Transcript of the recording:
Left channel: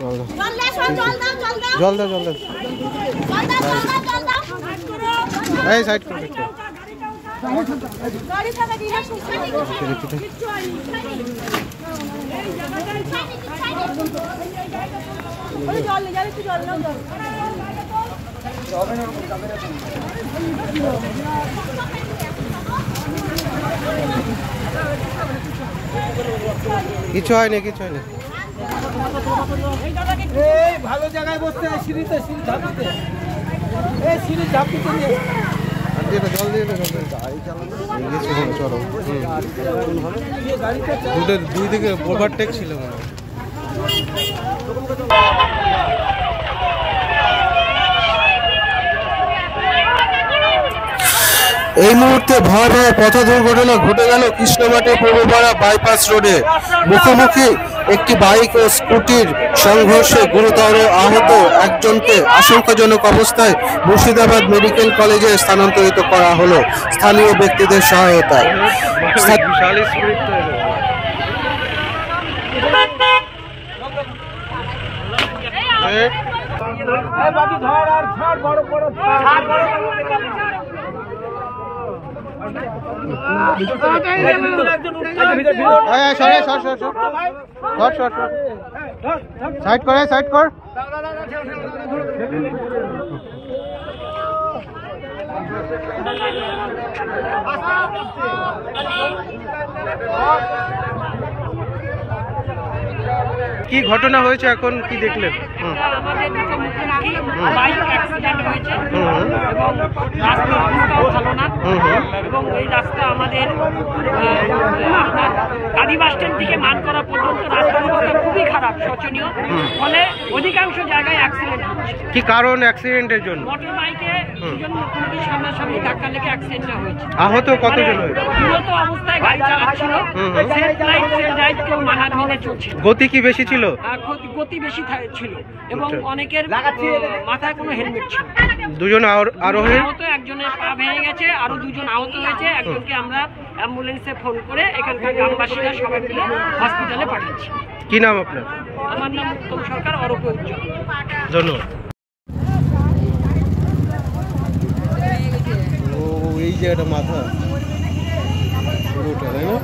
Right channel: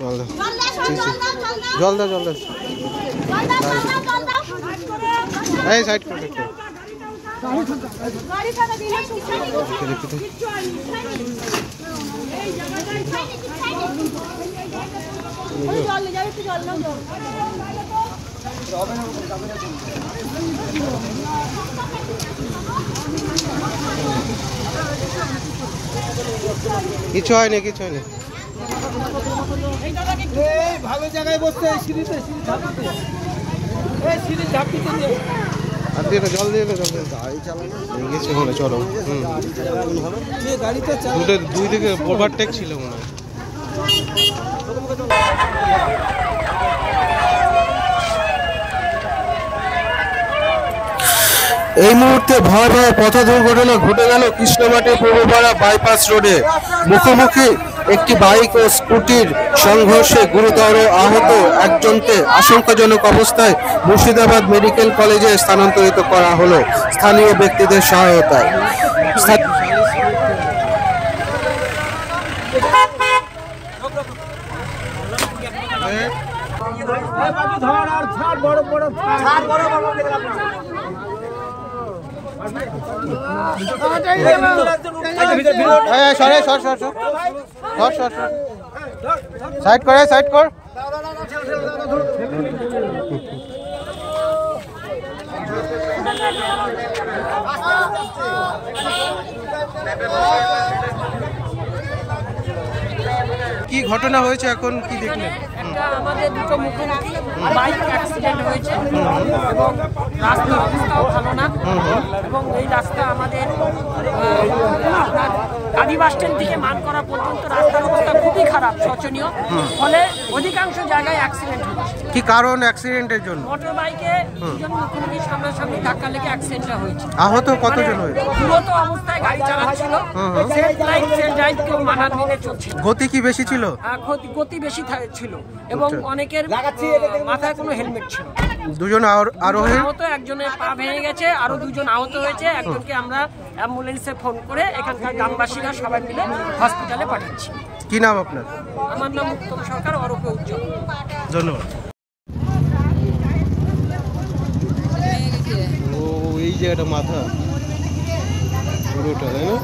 জল দাও, জল দাও, জল দাও। এই সাইড করো একটু। কিছু হয়নি, কিছু হয়নি। ভালো জায়গায় বসতে সিঁড়িতে আর দিয়ে জল দিয়ে জল দিয়ে গেছে মনে, চলো। দুই দিকে ওভারটেক ছিল মনে হয়। এই মুহূর্তে ভয়াবহ পথ দুর্ঘটনা ঘটে গেল কৃষ্ণমাটি পূর্বপাড়া বাইপাস রোডে। মুখোমুখি একটি বাইক ও স্কুটির সংঘর্ষে গুরুতর আহত একজনকে আশঙ্কাজনক অবস্থায় মুর্শিদাবাদ মেডিকেল কলেজে স্থানান্তরিত করা হলো স্থানীয় ব্যক্তিদের সহায়তায়। সাইড করে, সাইড কর। কি ঘটনা হয়েছে এখন, কি দেখলেন? আমাদের দুটো মুখোমুখি বাইক অ্যাক্সিডেন্ট হয়েছে এবং রাস্তার অবস্থাও ভালো না এবং এই রাস্তা আমাদের আপনার কালী বাস স্ট্যান্ড থেকে মানকড়া পর্যন্ত রাস্তার অবস্থা খুবই খারাপ, শোচনীয়। ফলে অধিকাংশ জায়গায় অ্যাক্সিডেন্ট হচ্ছে। কি কারণ অ্যাক্সিডেন্টের জন্য? মোটর বাইকে দুজন মুখোমুখি সামনাসামনি ধাক্কা লেগে অ্যাক্সিডেন্টটা হয়েছে। আহত কতজন হয়েছে? পুরোত অবস্থায় গাড়ি চালাচ্ছিল, সেলফ লাইট সেলফ ড্রাইভ কেউ মানার মেনে চলছিল। গতি কি বেশি ছিল? গতি বেশি ছিল এবং অনেকের মাথায় কোনো হেলমেট ছিল। দুজন আরোহী আহত, একজনের পা ভেঙে গেছে, আরো দুজন আহত হয়েছে। একজনকে আমরা অ্যাম্বুলেন্সে ফোন করে এখানকার গ্রামবাসীরা সবাই মিলে হসপিটালে পাঠাচ্ছি। কি নাম আপনার? আমার নাম উত্তম সরকার, অরূপ উজ্জ্বল। ধন্যবাদ। ও এই জায়গাটা মাথা পুরোটা, তাই না?